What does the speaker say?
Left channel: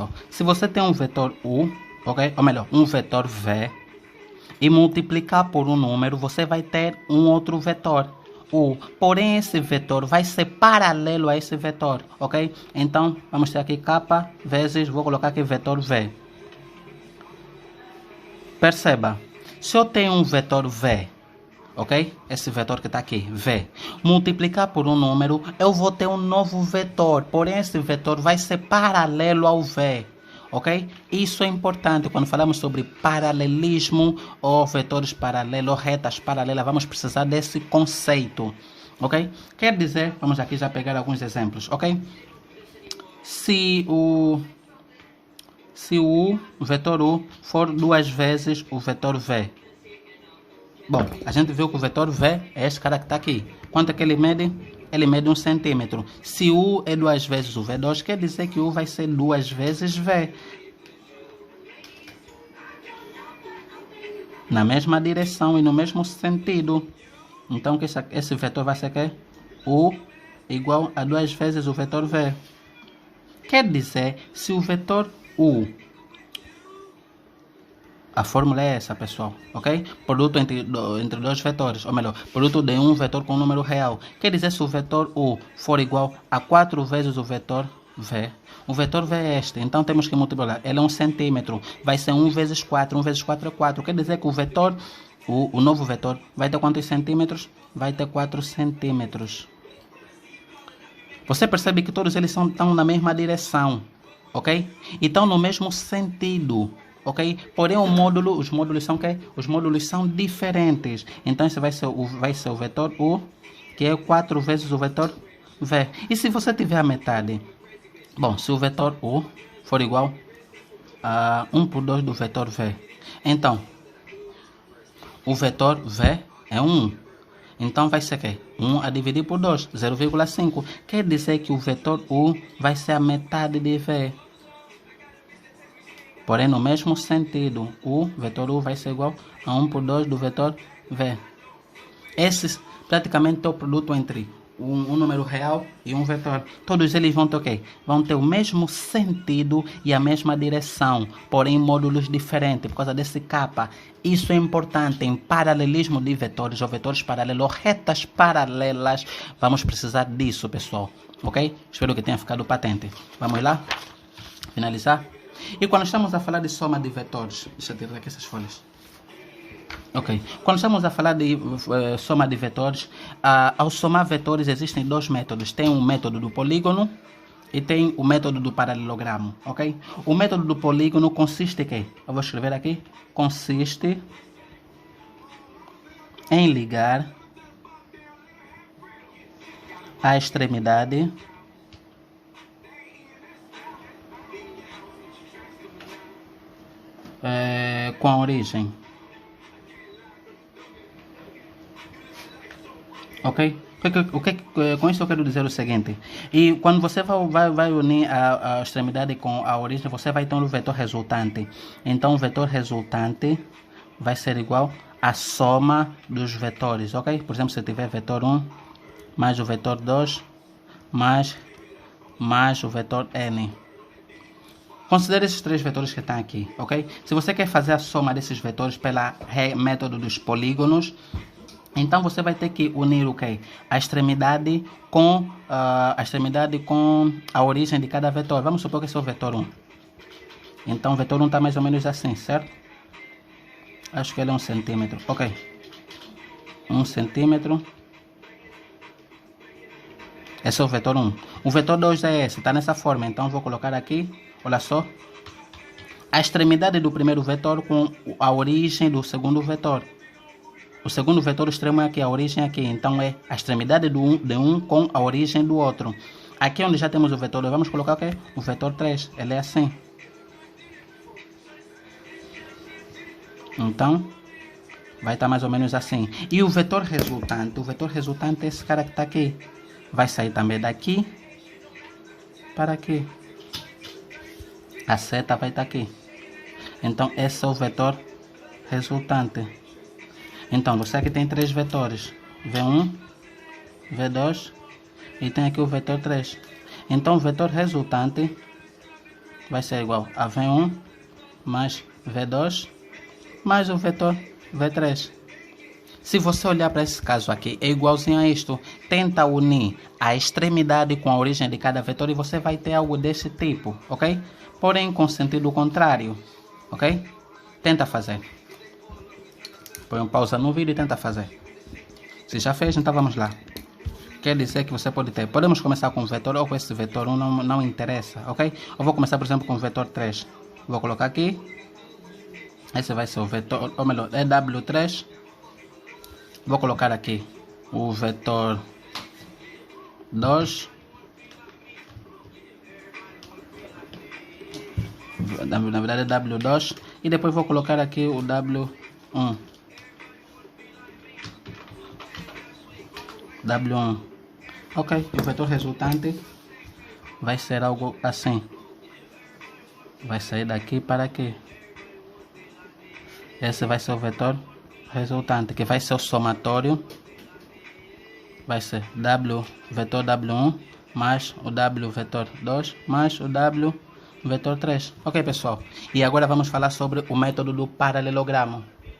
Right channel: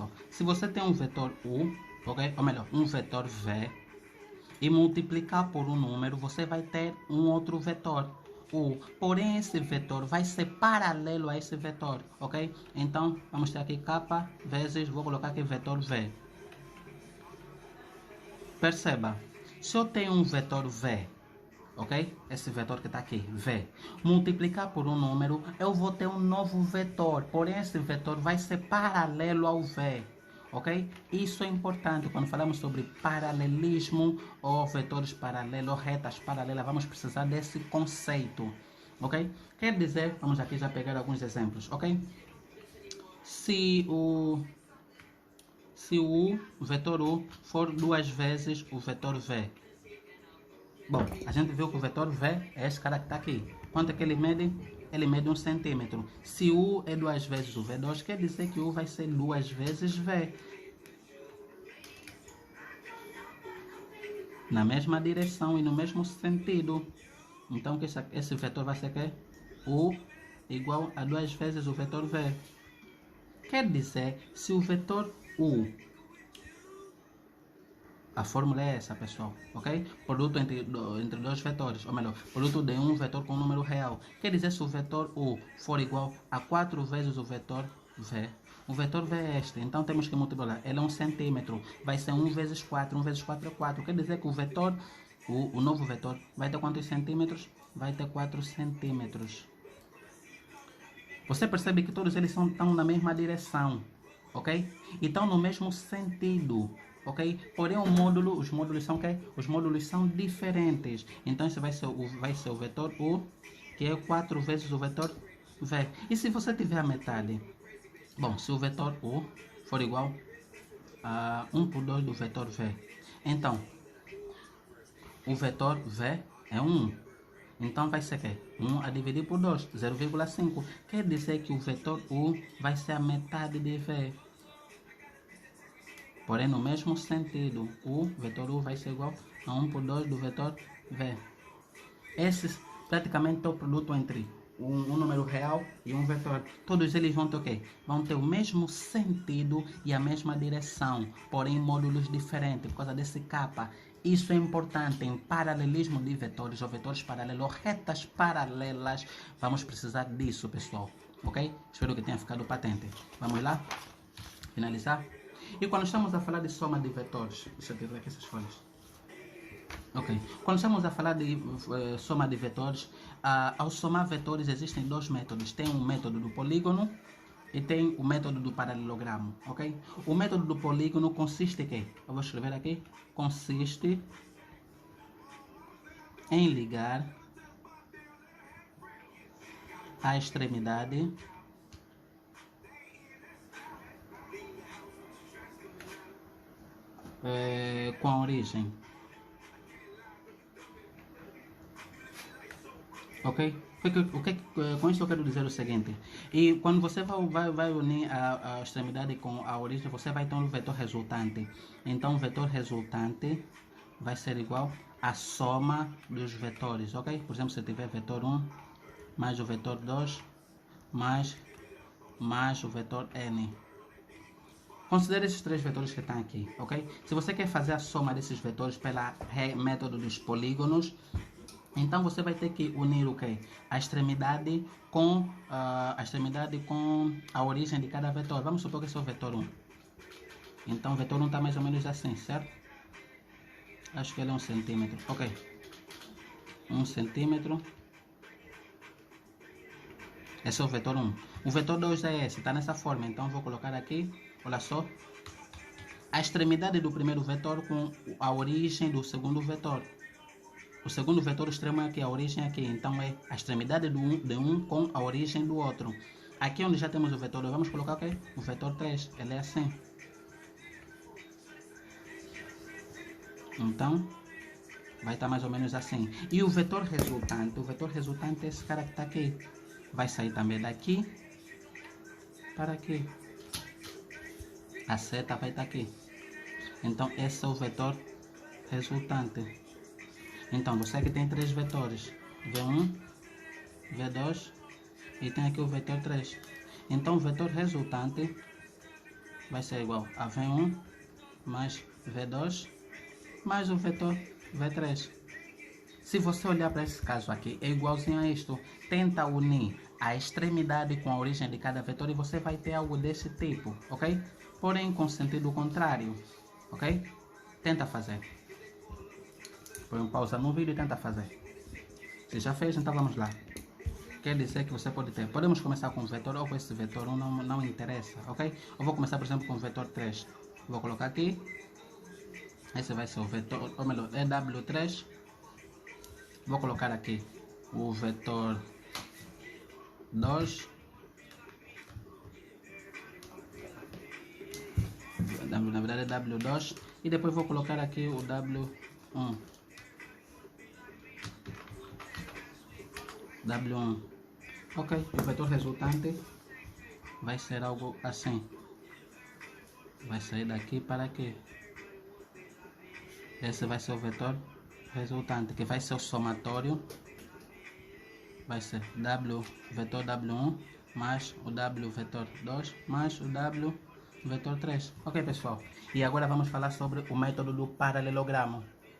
pessoal, se você tem um vetor U, ok? Ou melhor, um vetor V, e multiplicar por um número, você vai ter um outro vetor, U. Porém, esse vetor vai ser paralelo a esse vetor, ok? Então, vamos ter aqui K vezes, vou colocar aqui vetor V. Perceba, se eu tenho um vetor V, ok? Esse vetor que está aqui, V, multiplicar por um número, eu vou ter um novo vetor, porém esse vetor vai ser paralelo ao V, ok? Isso é importante quando falamos sobre paralelismo ou vetores paralelos, ou retas paralelas, vamos precisar desse conceito, ok? Quer dizer, vamos aqui já pegar alguns exemplos, ok? Se o vetor U for duas vezes o vetor V, bom, a gente viu que o vetor V é esse cara que está aqui. Quanto é que ele mede? Ele mede 1 centímetro. Se U é duas vezes o V2, quer dizer que U vai ser duas vezes V. Na mesma direção e no mesmo sentido. Então, esse vetor vai ser o quê? U igual a duas vezes o vetor V. Quer dizer, se o vetor U, a fórmula é essa, pessoal, ok? Produto entre dois vetores, ou melhor, produto de um vetor com um número real. Quer dizer, se o vetor U for igual a 4 vezes o vetor V, o vetor V é este, então temos que multiplicar. Ele é 1 centímetro, vai ser 1 vezes 4, 1 vezes 4 é 4. Quer dizer que o vetor, o novo vetor, vai ter quantos centímetros? Vai ter 4 centímetros. Você percebe que todos eles estão na mesma direção, ok? E estão no mesmo sentido, ok? Porém, os módulos são o quê? Os módulos são diferentes. Então, esse vai ser o vetor U, que é 4 vezes o vetor V. E se você tiver a metade? Bom, se o vetor U for igual a 1 por 2 do vetor V, então, o vetor V é 1. Então vai ser o quê? 1 a dividir por 2, 0,5. Quer dizer que o vetor U vai ser a metade de V. Porém, no mesmo sentido, o vetor U vai ser igual a 1 por 2 do vetor V. Esse praticamente é o produto entre um número real e um vetor. Todos eles vão ter o quê? Vão ter o mesmo sentido e a mesma direção, porém módulos diferentes, por causa desse capa. Isso é importante em paralelismo de vetores, ou vetores paralelos, ou retas paralelas. Vamos precisar disso, pessoal. Ok? Espero que tenha ficado patente. Vamos lá? Finalizar? E quando estamos a falar de soma de vetores, deixa eu tirar aqui essas folhas. Ok, quando estamos a falar de soma de vetores, ao somar vetores existem dois métodos. Tem o método do polígono e tem o método do paralelogramo, ok? O método do polígono consiste em quê? Eu vou escrever aqui. Consiste em ligar a extremidade com a origem. Ok? Com isso eu quero dizer o seguinte. E quando você vai unir a extremidade com a origem, você vai ter um vetor resultante. Então o vetor resultante vai ser igual à soma dos vetores, ok? Por exemplo, se tiver vetor 1 mais o vetor 2 mais o vetor n. Considere esses três vetores que estão aqui, ok? Se você quer fazer a soma desses vetores pelo método dos polígonos, então você vai ter que unir o quê? A extremidade com a origem de cada vetor. Vamos supor que esse é o vetor 1. Então o vetor 1 está mais ou menos assim, certo? Acho que ele é 1 centímetro. Ok. 1 centímetro. Esse é o vetor 1. O vetor 2 é esse, está nessa forma. Então eu vou colocar aqui, olha só. A extremidade do primeiro vetor com a origem do segundo vetor. O segundo vetor extremo é aqui, a origem é aqui. Então é a extremidade de um com a origem do outro. Aqui onde já temos o vetor 2, vamos colocar o quê? O vetor 3. Ele é assim. Então, vai estar mais ou menos assim. E o vetor resultante é esse cara que está aqui. Vai sair também daqui para aqui. A seta vai estar aqui. Então, esse é o vetor resultante. Então, você aqui tem três vetores. V1, V2 e tem aqui o vetor 3. Então, o vetor resultante vai ser igual a V1 mais V2 mais o vetor V3. Se você olhar para esse caso aqui, é igualzinho a isto. Tenta unir a extremidade com a origem de cada vetor e você vai ter algo desse tipo, ok? Porém, com sentido contrário, ok? Tenta fazer. Põe um pausa no vídeo e tenta fazer. Se já fez, então vamos lá. Quer dizer que você pode ter. Podemos começar com o vetor ou com esse vetor, não interessa, ok? Eu vou começar, por exemplo, com o vetor 3. Vou colocar aqui. Esse vai ser o vetor, ou melhor, é W3. Vou colocar aqui o vetor 2. Na verdade é W2. E depois vou colocar aqui o W1. W1. Ok, o vetor resultante vai ser algo assim. Vai sair daqui para aqui. Esse vai ser o vetor resultante, que vai ser o somatório. Vai ser W vetor W1 mais o W vetor 2 mais o W vetor 3. Ok, pessoal? E agora vamos falar sobre o método do paralelogramo.